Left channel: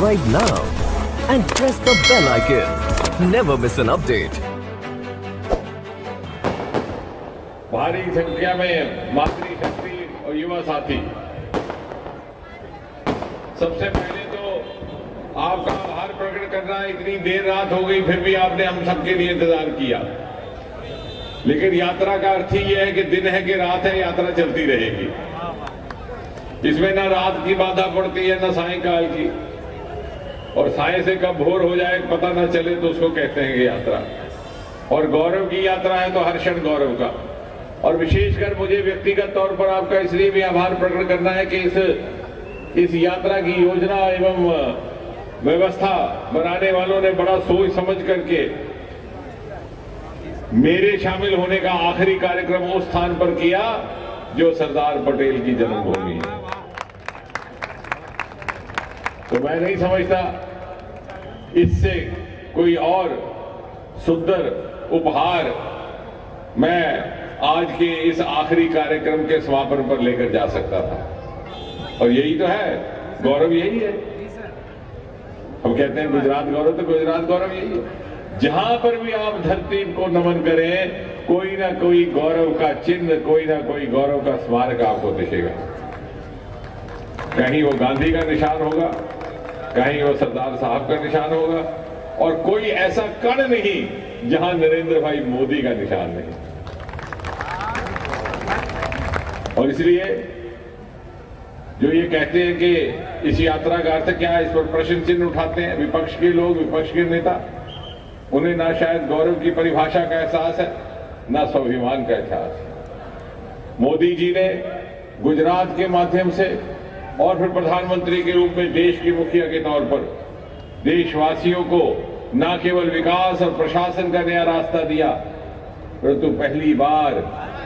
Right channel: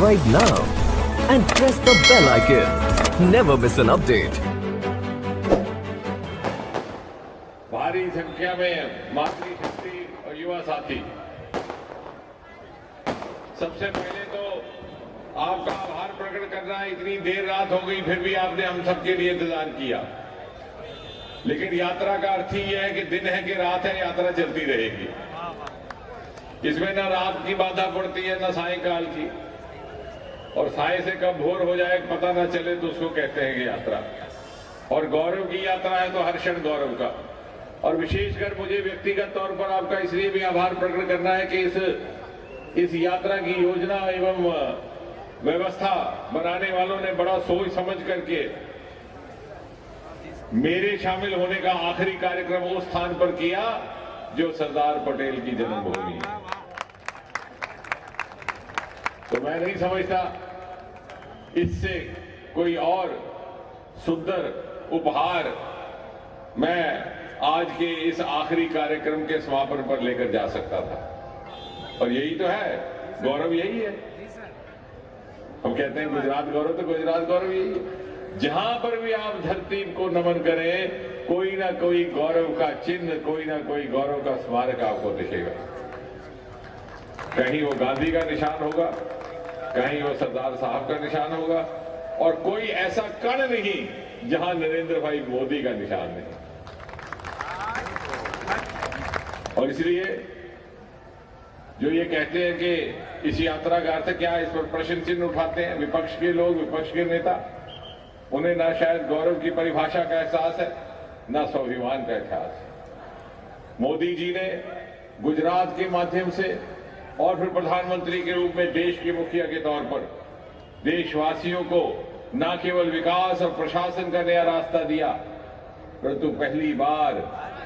subscribe now and press the bell icon. Never miss an update. भारी संख्या में मातृशक्ति और युवा साथी, सबसे पहले तो आपका आभार प्रकट करना। इतनी देर रात हो गई फिर भी आपने हम सबके लिए इंतजार किया, लेकिन यात्रा का अर्थ ही यह है कि दिन है कि रात है, यात्रा चलती रहेगी। इसमें न रात की बाधा पड़ती है न सायंकाल की, और साय से कब भोर हो जाए पता ना चले तो उसको कहते हैं यात्रा। और गौरव की यात्रा है तो हर क्षण गौरव का। और विशेषकर मुझे व्यक्तिगत तौर पर आपका इसलिए भी आभार प्रकट करना है कि इस यात्रा की योजना एवं व्यवस्था बनाने वालों ने बड़ा सोच समझ करके मेरे शामिल होने का आखिरी कार्यक्रम उस स्थान पर किया जो सरदार पटेल की जन्मभूमि है। तो मैं नहीं समझता इससे कोई और सुंदर उपहार मैं आज के इस आखिरी कार्यक्रम के समापन पर लेकर जा सकता था। और यही तो है गौरव, यही है। हम कहते हैं गुजरात गौरव, तो गुजरात गौरव यही है। जहां पर भी आप धरती को नमन करें, कोई ना कोई गौरव का चिन्ह, कोई ना कोई गौरव का स्मारक आपको दिखेगा। कहीं वो गांधी का निशान होगा, कहीं वो सरदार साहब का निशान होगा, और कोई ऐसा कण नहीं जहां नरेंद्र भाई मोदी का निशान नहीं। और इसलिए जो ये कहते हैं कि इस यात्रा का अर्थ क्या है, इस पर प्रश्न चिन्ह उठाते हैं विपक्ष के लोग, विपक्ष के नेता, उन्हें ना शायद गौरव की परिभाषा का एहसास है ना स्वाभिमान का एहसास। मोदी जी ने गुजरात के माध्यम से और फिर प्रधानमंत्री के रूप में देश के मुखिया के तौर पर देशवासियों को न केवल विकास और प्रशासन का नया रास्ता दिया, परंतु पहली बार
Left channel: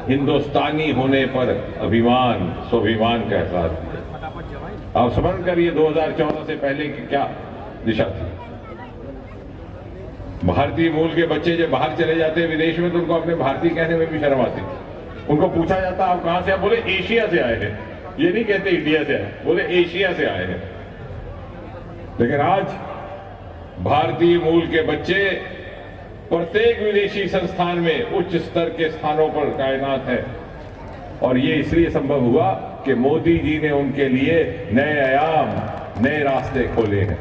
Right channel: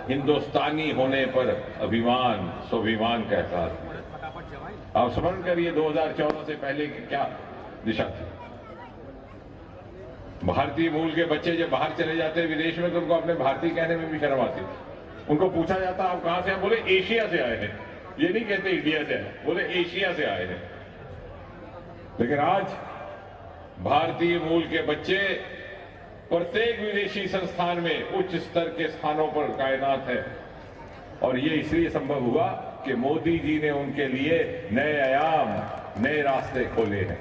हिंदुस्तानी होने पर अभिमान, स्वाभिमान का एहसास दिया। आप स्मरण करिए 2014 से पहले की क्या दिशा थी। भारतीय मूल के बच्चे जब बाहर चले जाते हैं विदेश में तो उनको अपने भारतीय कहने में भी शर्म आती थी। उनको पूछा जाता आप कहां से आए, बोले एशिया से आए हैं। ये नहीं कहते इंडिया से आए, बोले एशिया से आए हैं। लेकिन आज भारतीय मूल के बच्चे प्रत्येक विदेशी संस्थान में उच्च स्तर के स्थानों पर तैनात है। और ये इसलिए संभव हुआ कि मोदी जी ने उनके लिए नए आयाम, नए रास्ते खोले हैं।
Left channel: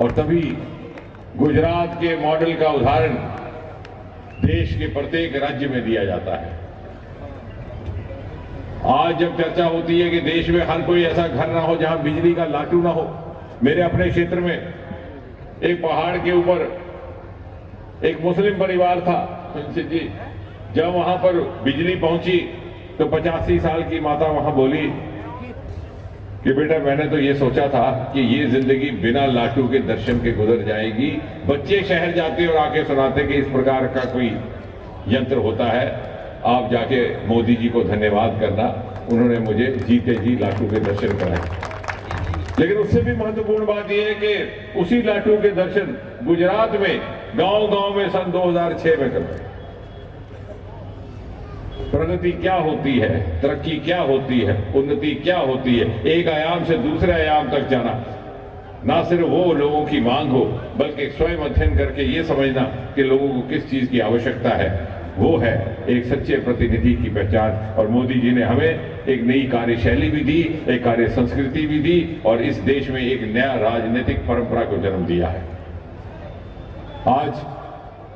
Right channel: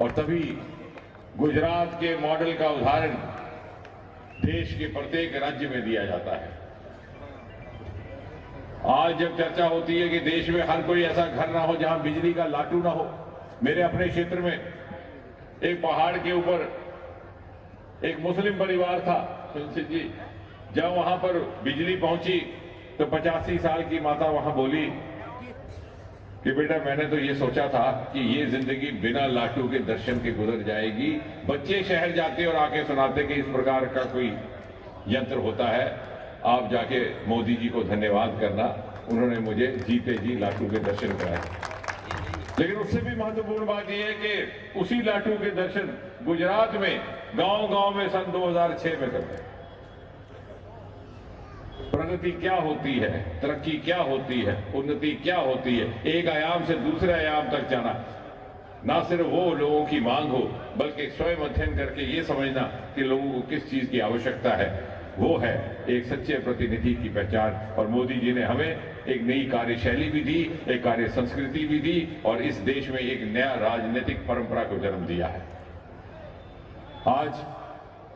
और तभी गुजरात के मॉडल का उदाहरण देश के प्रत्येक राज्य में दिया जाता है। आज जब चर्चा होती है कि देश में हर कोई ऐसा घर ना हो जहां बिजली का लाटू ना हो, मेरे अपने क्षेत्र में एक पहाड़ के ऊपर एक मुस्लिम परिवार था जी, जब वहां पर बिजली पहुंची तो 85 साल की माता वहां बोली कि बेटा मैंने तो ये सोचा था कि ये जिंदगी बिना लाटू के दर्शन के गुजर जाएगी। बच्चे शहर जाते और आके सुनाते कि इस प्रकार का कोई यंत्र होता है, आप जाके मोदी जी को धन्यवाद करना, उन्होंने मुझे जीते जी लाटू के दर्शन कराए। लेकिन उससे भी महत्वपूर्ण बात यह है कि उसी लाटू के दर्शन गुजरात में गांव-गांव में सन 2006 में करते। प्रगति क्या होती है, तरक्की क्या होती है, उन्नति क्या होती है, एक आयाम से दूसरे आयाम तक जाना। ना सिर्फ वो लोगों की मांग हो, बल्कि स्वयं अध्ययन करके ये समझना कि लोगों को किस चीज की आवश्यकता है, वो है एक सच्चे प्रतिनिधि की पहचान। और मोदी जी ने हमें एक नई कार्यशैली भी दी, एक कार्य संस्कृति भी दी, और इस देश में एक नया राजनीतिक परंपरा को जन्म दिया है। आज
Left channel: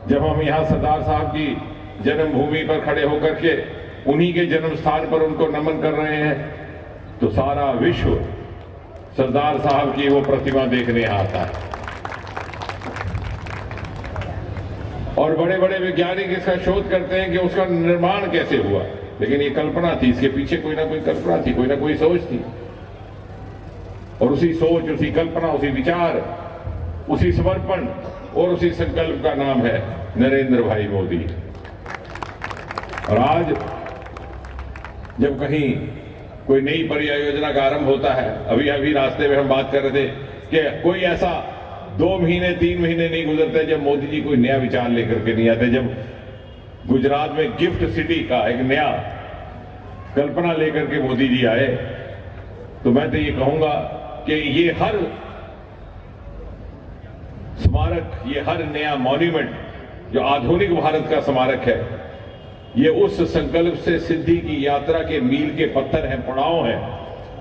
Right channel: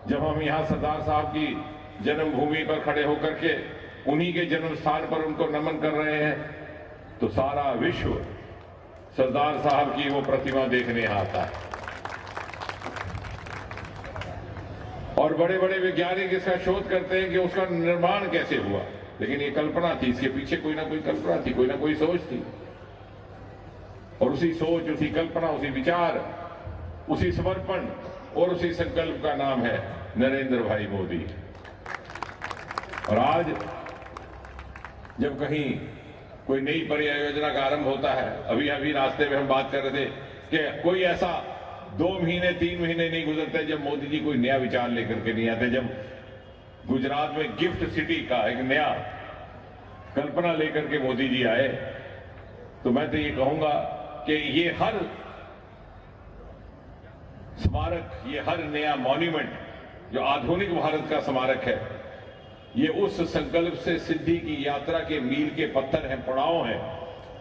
जब हम यहां सरदार साहब की जन्मभूमि पर खड़े होकर के उन्हीं के जन्म स्थान पर उनको नमन कर रहे हैं, तो सारा विश्व सरदार साहब की वो प्रतिमा देखने आता है। और बड़े बड़े वैज्ञानिक इसका शोध करते हैं कि उसका निर्माण कैसे हुआ, लेकिन ये कल्पना थी, इसके पीछे कोई ना कोई कल्पना थी, कोई ना कोई सोच थी। और उसी सोच, उसी कल्पना, उसी विचार, उसी समर्पण और उसी संकल्प का नाम है नरेंद्र भाई मोदी। और आज जब कहीं कोई नई परियोजना का आरंभ होता है, अभी अभी रास्ते में हम बात कर रहे थे कि कोई ऐसा 2 महीने 3 महीने नहीं गुजरते जब मोदी जी कोई नया विचार लेकर के नहीं आते। जब गुजरात में गिफ्ट सिटी का एक नया कल्पना लेकर के मोदी जी आए, तो मैं तो ये कहूंगा कि ये हर स्मारक, ये हर नया मॉन्यूमेंट जो आधुनिक भारत का स्मारक है, ये उस संकल्प से सिद्धि की यात्रा के मील के पत्थर हैं, पड़ाव हैं,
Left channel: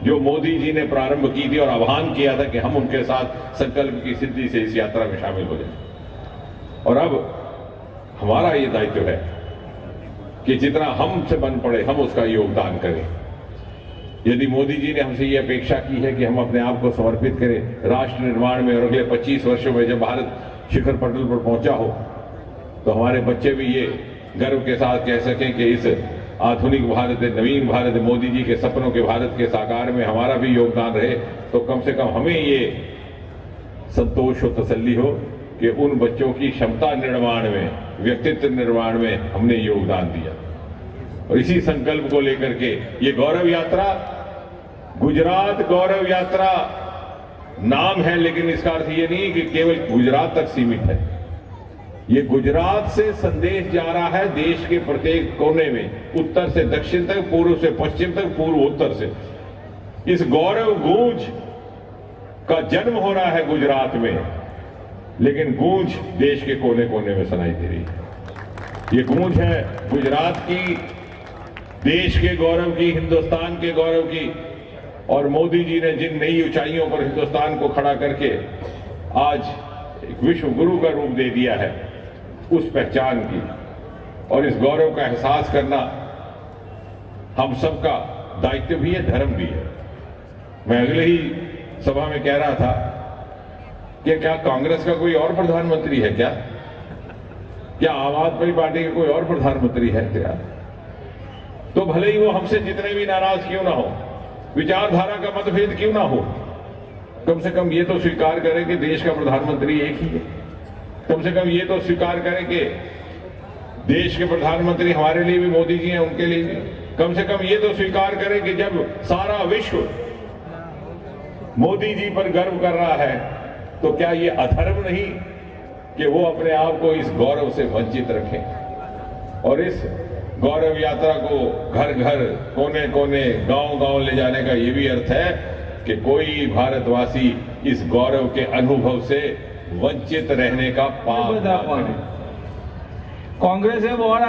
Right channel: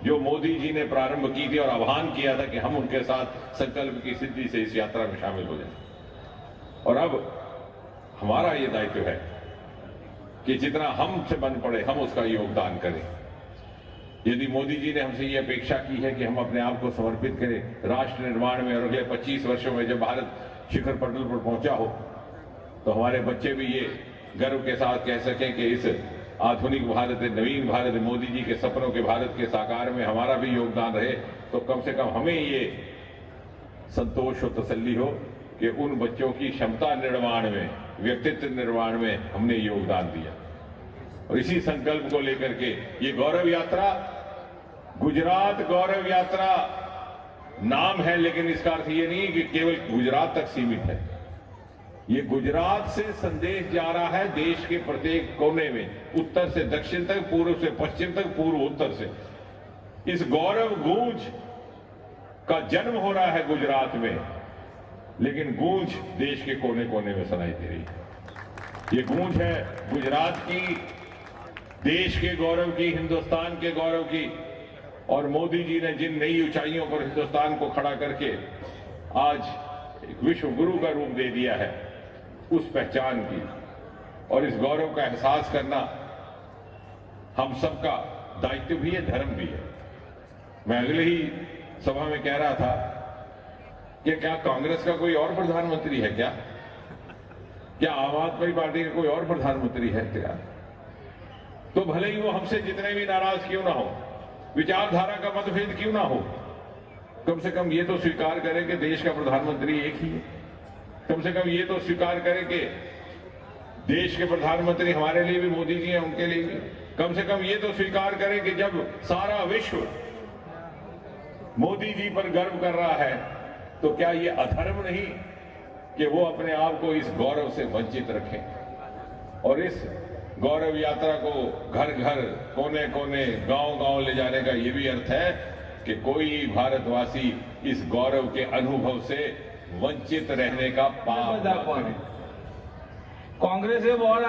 जो मोदी जी ने प्रारंभ की थी और आह्वान किया था कि हम उनके साथ संकल्प की सिद्धि से इस यात्रा में शामिल हो जाए। और अब हमारा ये दायित्व है कि जितना हमसे बन पड़े हम उसका योगदान करें। यदि मोदी जी ने हमसे ये अपेक्षा की है कि हम अपने आप को समर्पित करें राष्ट्र निर्माण में, और अगले 25 वर्षों में जब भारत शिखर पटल पर पहुंचा हो तो हमारे बच्चे भी ये गर्व के साथ कह सकें कि इस आधुनिक भारत, नवीन भारत, मोदी जी के सपनों के भारत के साकार में हमारा भी योगदान रहे, तो कम से कम हमें ये संतोष और तसल्ली हो कि उन बच्चों की क्षमता निर्माण में, व्यक्तित्व निर्माण में हमने योगदान दिया। और इसी संकल्प को लेकर के ये गौरव यात्रा, गुजरात गौरव यात्रा नाम है, लेकिन इसका अर्थ ये नहीं कि केवल गुजरात तक सीमित है। ये गुजरात से संदेश जा रहा है देश के प्रत्येक कोने में, उत्तर से दक्षिण तक, पूर्व से पश्चिम तक, पूर्व उत्तर से। इस गौरव गूंज का जन्म हो रहा है गुजरात में, लेकिन गूंज देश के कोने कोने में सुनाई दे रही है। ये गूंज है गुजरात की, देश के गौरव की, हिंदुस्तान के गौरव की। और मोदी जी ने जिन नई ऊंचाइयों पर हिंदुस्तान को खड़ा करके आज एक विश्व गुरु का रूप दे दिया है, उस पहचान की और इस गौरव का एहसास करना हम सबका दायित्व भी है, धर्म भी है। मैं अगले ही सभा में कह रहा था कि क्या कांग्रेस का कोई और प्रधानमंत्री है क्या? क्या आम आदमी पार्टी का कोई और प्रधानमंत्री है क्या? तो भले ही वो हमसे जितने भी नाराज क्यों ना हो, विचारधारा का मतभेद क्यों ना हो, कम से कम ये तो स्वीकार करें कि देश का प्रधानमंत्री एक ही है। कम से कम ये तो स्वीकार करें कि देश के प्रधानमंत्री हमारे लिए भी मोदी जी हैं, उनके लिए भी। कम से कम ये तो स्वीकार करें कि जब सारा विश्व मोदी जी पर गर्व कर रहा है, तो क्या ये अधर्म नहीं कि वो अपने आप को इस गौरव से वंचित रखें। और इस गौरव यात्रा को घर घर, कोने कोने, गांव गांव ले जाने का ये भी अर्थ है कि कोई भारतवासी इस गौरव के अनुभव से वंचित रहने का पाप न करे। કોંગ્રેસે બોર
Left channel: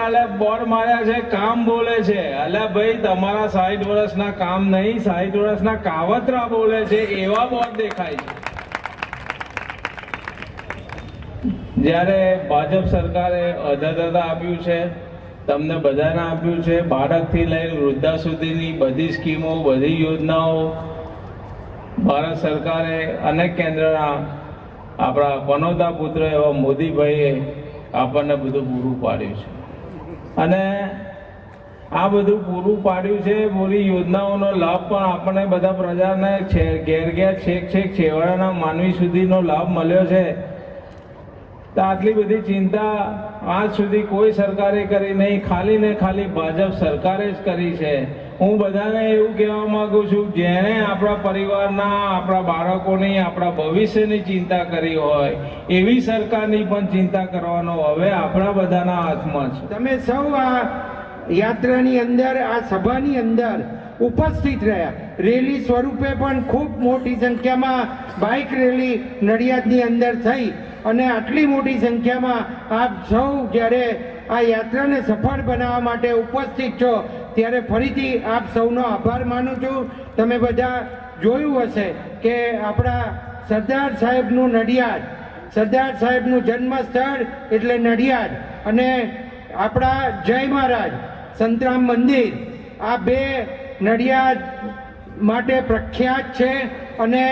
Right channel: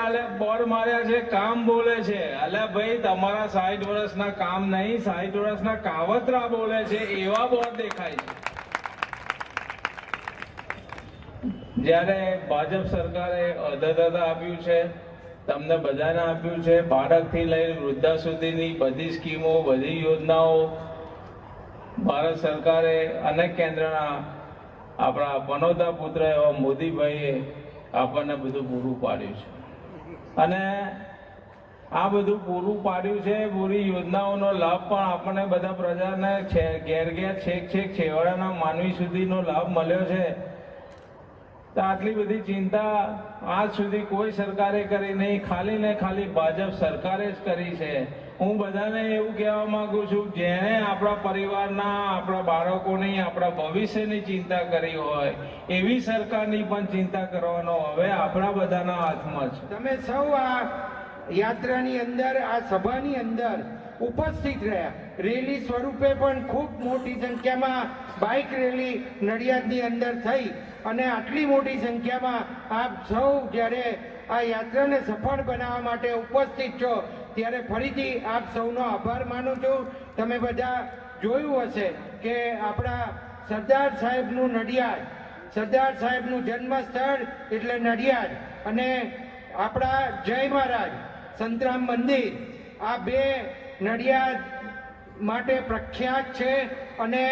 માર્યા છે, કામ બોલે છે। અલા ભાઈ, તમારા 60 વર્ષના કામ નહીં, 60 વર્ષના કાવતરા બોલે છે, એવા બોર દેખાય છે। જ્યારે ભાજપ સરકારે અધદાતા આપ્યું છે, તમને બધાને આપ્યું છે, બાળકથી લઈને વૃદ્ધા સુધીની બધી સ્કીમો, બધી યોજનાઓ ભારત સરકારે અને કેન્દ્રના આપણા પનોતા પુત્ર એવા મોદીભાઈએ આપણને બધું પૂરું પાડ્યું છે। અને આ બધું પૂરું પાડ્યું છે, પૂરી યોજનાઓનો લાભ પણ આપણે બધા પ્રજાને ઘેર ઘેર છેક છેવાડાના માનવી સુધીનો લાભ મળ્યો છે। તો આટલી બધી चिंता આજ સુધી કોઈ સરકારે કરી નહીં, ખાલી ને ખાલી ભાજપ સરકારે જ કરી છે। હું બધાને એવું કહેવા માંગુ છું, જેણે આપણા પરિવારના, આપણા બાળકોની, આપણા ભવિષ્યની ચિંતા કરી હોય, એવી સરકારની પણ ચિંતા કરવાનો હવે આપણા બધાના હાથમાં છે। તમે સૌ આ યાત્રાની અંદર, આ સભાની અંદર ઉપસ્થિત રહ્યા। રેલી સ્વરૂપે પણ ખૂબ મોટી સંખ્યામાં બાઇક રેલી નડિયાદની અંદર થઈ અને આટલી મોટી સંખ્યામાં આપ સૌ જ્યારે આ યાત્રાને સફળ બનાવવા માટે ઉપસ્થિત છો, ત્યારે ફરીથી આપ સૌનો આભાર માનું છું। તમે બધા જોયું હશે કે આપણા સરદાર સાહેબનું નડિયાદ, સરદાર સાહેબનું જન્મસ્થળ એટલે નડિયાદ, અને આપણા જય મહારાજ સંતરામ મંદિર, આ બે નડિયાદ માટે પ્રખ્યાત છે। અને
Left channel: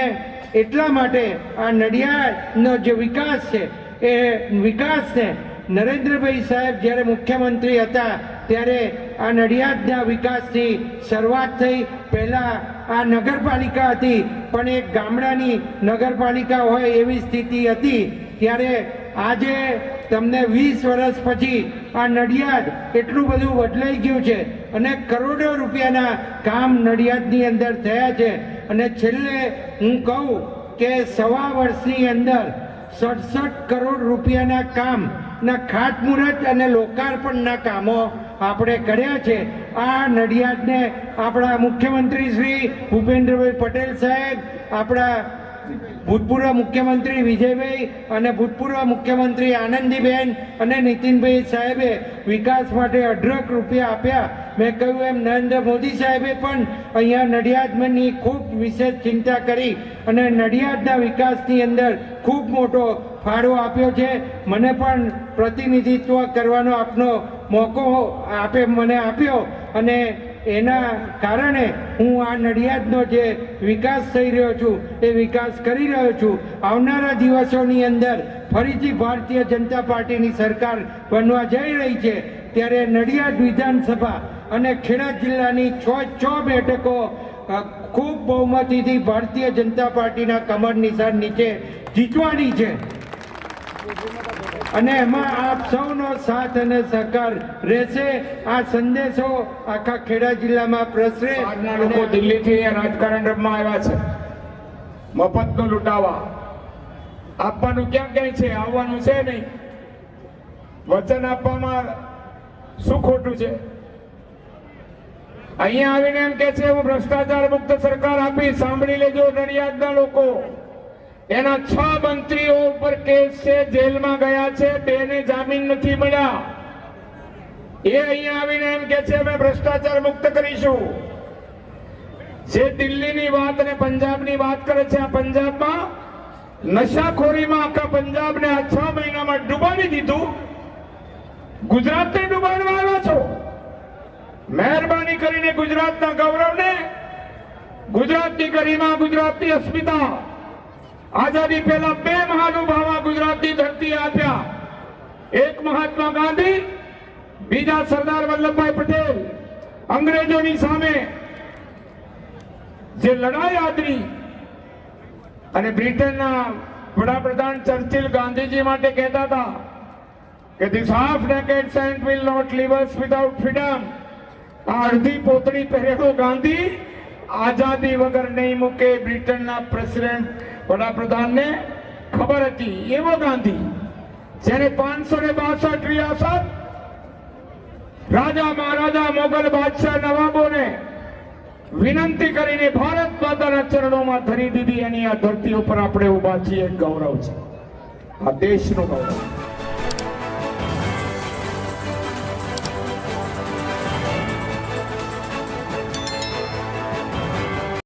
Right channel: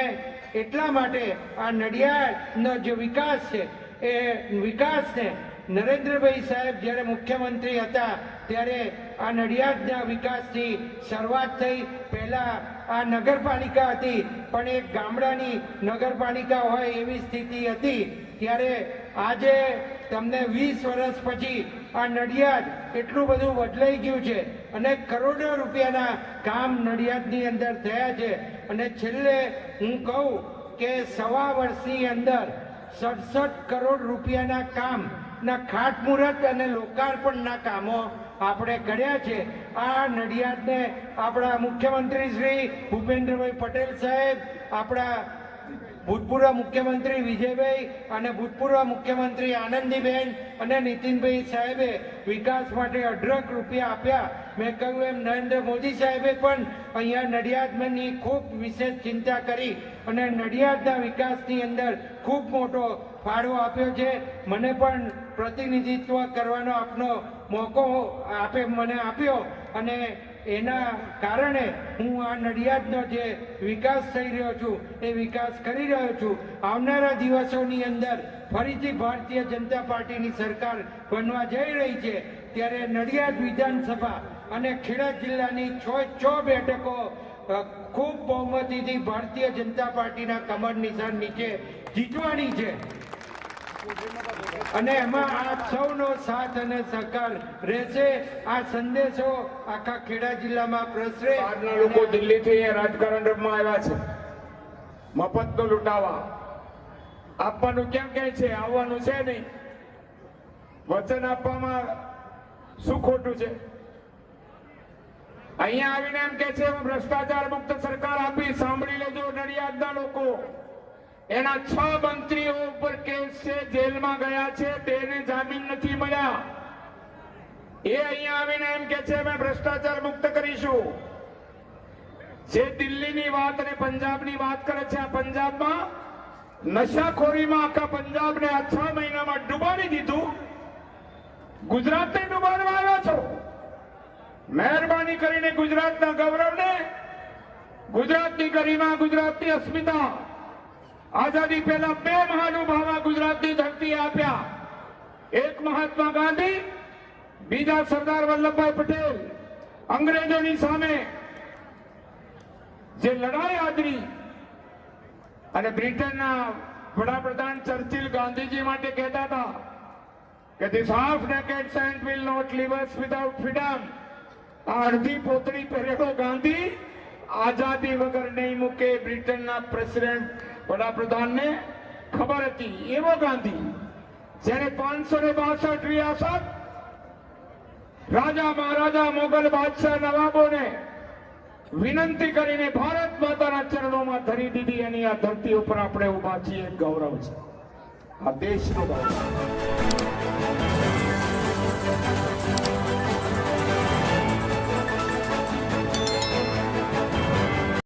એટલા માટે આ નડિયાદનો જે વિકાસ છે, એ વિકાસને નરેન્દ્રભાઈ સાહેબ જ્યારે મુખ્યમંત્રી હતા ત્યારે આ નડિયાદના વિકાસની શરૂઆત થઈ। પહેલા આ નગરપાલિકા હતી, પણ એક ગામડાની નગરપાલિકા હોય એવી સ્થિતિ હતી। ત્યારે આજે તમને 20 વર્ષ પછી આ નડિયાદ એટલું બધું બદલાઈ ગયું છે અને કરોડો રૂપિયાના કામ નડિયાદની અંદર થયા છે। અને છેલ્લે હું કહું કે 1.25 વર્ષની અંદર 67 કરોડ રૂપિયાના કામના ખાતમુહૂર્ત અને લોકાર્પણના કામો આપણે કર્યા છે। આ નડિયાદને આપણા મુખ્યમંત્રી શ્રી ભૂપેન્દ્રભાઈ પટેલ સાહેબ, આપણા ભૂતપૂર્વ મુખ્યમંત્રી વિજયભાઈ અને ભૂતપૂર્વ મુખ્યમંત્રી આનંદીબેન અને નીતિનભાઈ સાહેબે વિકાસ માટે અઢળક રૂપિયા આપ્યા. મેં કહ્યું એમ નરેન્દ્ર મોદી સાહેબે પણ અહીંયા નડિયાદની ખૂબ વિશેષ ચિંતા કરી અને નડિયાદના વિકાસની અંદર ખૂબ મોટો ફાળો આપ્યો છે. મને પણ પ્રતિનિધિત્વ કરવાનો આપનો મોકો મને આપ્યો અને એના કારણે હું આ નડિયાદનો જે વિકાસ થઈ રહ્યો છું એ વિકાસ કરી રહ્યો છું. આવનારા દિવસોની અંદર ફરીથી ભારતીય જનતા પાર્ટીની સરકાર બનવા જઈ રહી છે ત્યારે નડિયાદ વિધાનસભા અને ખેડા જિલ્લાની 6 બેઠકો ખૂબ બહુમતીથી ભારતીય જનતા પાર્ટીના કમર નિશાન નીચે જીતવાની છે અને એમાં આપ સૌનો સાથ અને સહકાર રહેશે. આ સંદેશો આખા ખેડા જિલ્લામાં પ્રસરે. લોકો દિલ્હીથી અહીંયા રાજકારણ રમવા આવ્યા છે, મફતનો લૂંટાવા. આપવાનું ક્યાં ક્યાંય છે, આવવાનું છે નહીં. વચન આપવામાં શું ખોટું છે? અહીંયા આવીને એમ કે છે હું ભ્રષ્ટાચાર મુક્ત સરકાર આપી. સાંભળી લેજો નડિયાદના લોકો, એના 6 મંત્રીઓ ઉપર કેસ છે, જેલમાં ગયા છે, 2 ને જામીન નથી મળ્યા. એ અહીંયા આવીને એમ કે છે અમે ભ્રષ્ટાચાર મુક્ત કરીશું. જે દિલ્હીની વાત અને પંજાબની વાત કરે છે, આ પંજાબમાં નશાખોરીમાં આખા પંજાબને આ 6 મહિનામાં ડૂબાડી દીધું. ગુજરાતને ડૂબાડવા આવ્યા છો. મહેરબાની કરીને ગુજરાતના ગૌરવને, ગુજરાતની ગરિમા, ગુજરાતની અસ્મિતા, આઝાદી પહેલા 2 મહાનુભાવો ગુજરાતની ધરતી આપ્યા. એક મહાત્મા ગાંધી, બીજા સરદાર વલ્લભભાઈ પટેલ. અંગ્રેજોની સામે જે લડાઈ આદરી અને બ્રિટનના વડાપ્રધાન ચર્ચિલ ગાંધીજી માટે કહેતા હતા કે this half naked saint will not leave us without freedom. આ અડધી પોતળી પહેરેલો ગાંધી આઝાદી વગર નહીં મૂકે. બ્રિટનના પ્રેસિડેન્ટ વડાપ્રધાનને ખબર હતી. એવો ગાંધી જેને 562 રિયાસત રાજા મહારાજા મોગલ બાદશાહ નવાબોને વિનંતી કરીને ભારત માતાના ચરણોમાં ધરી દીધી. એની આ ધરતી ઉપર આપણે ઉભા છીએ. ગૌરવ છે આ દેશનું ગૌરવ.